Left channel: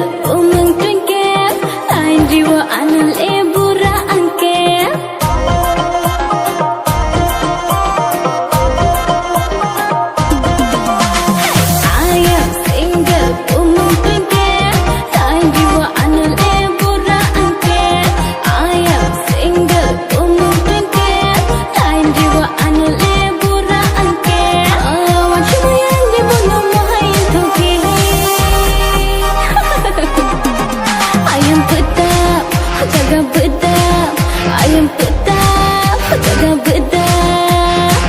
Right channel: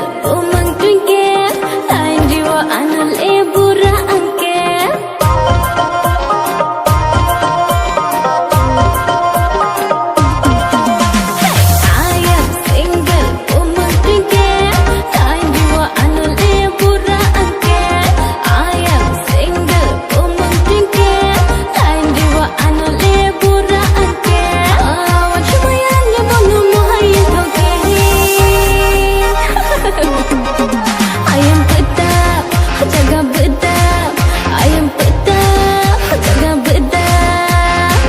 single umang twinkle lain jiwa anul bura angkel I am single umang twinkle lain jiwa anul bura angkel I am single umang twinkle lain jiwa anul bura angkel wan shumayan ni bono mohayin thoke I am pedap, jaga bedap. I am pedap, jaga bedap.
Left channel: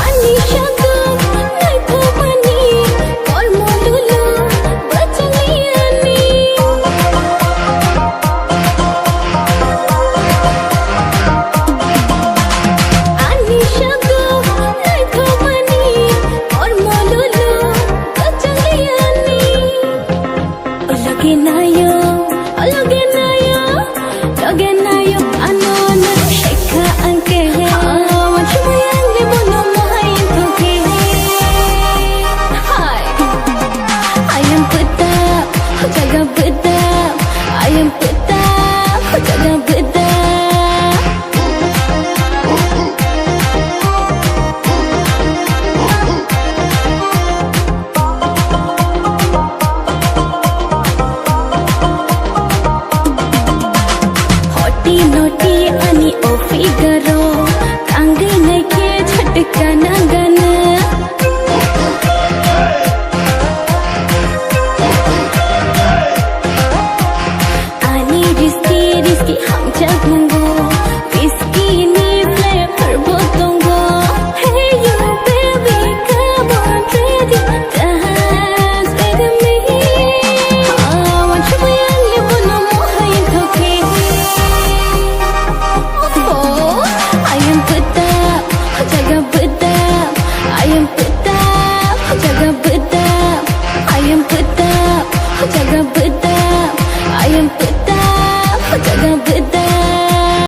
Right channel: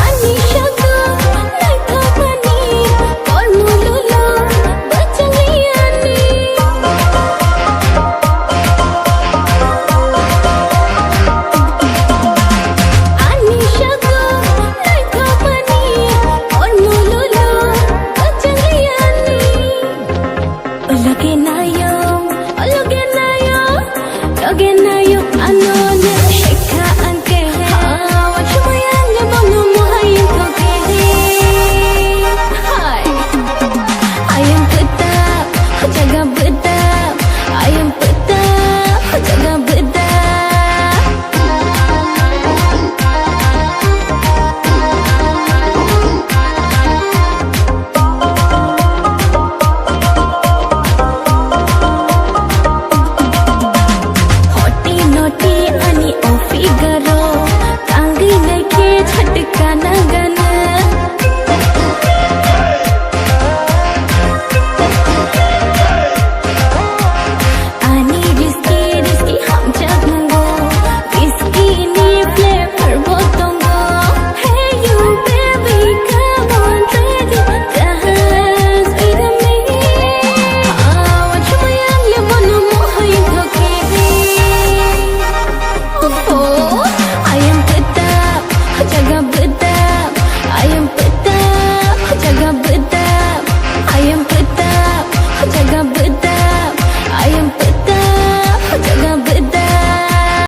Ani syaga, nai thomani, kor molulu, bacang liani. Loge nayo, anon sheka anke wan shumayan ni bono mohayin thoke Hi I am pedap, jaga bedap I am pedap, jaga bedap naughty अनि ओ फिगरो कांगी नइखे झटका नगन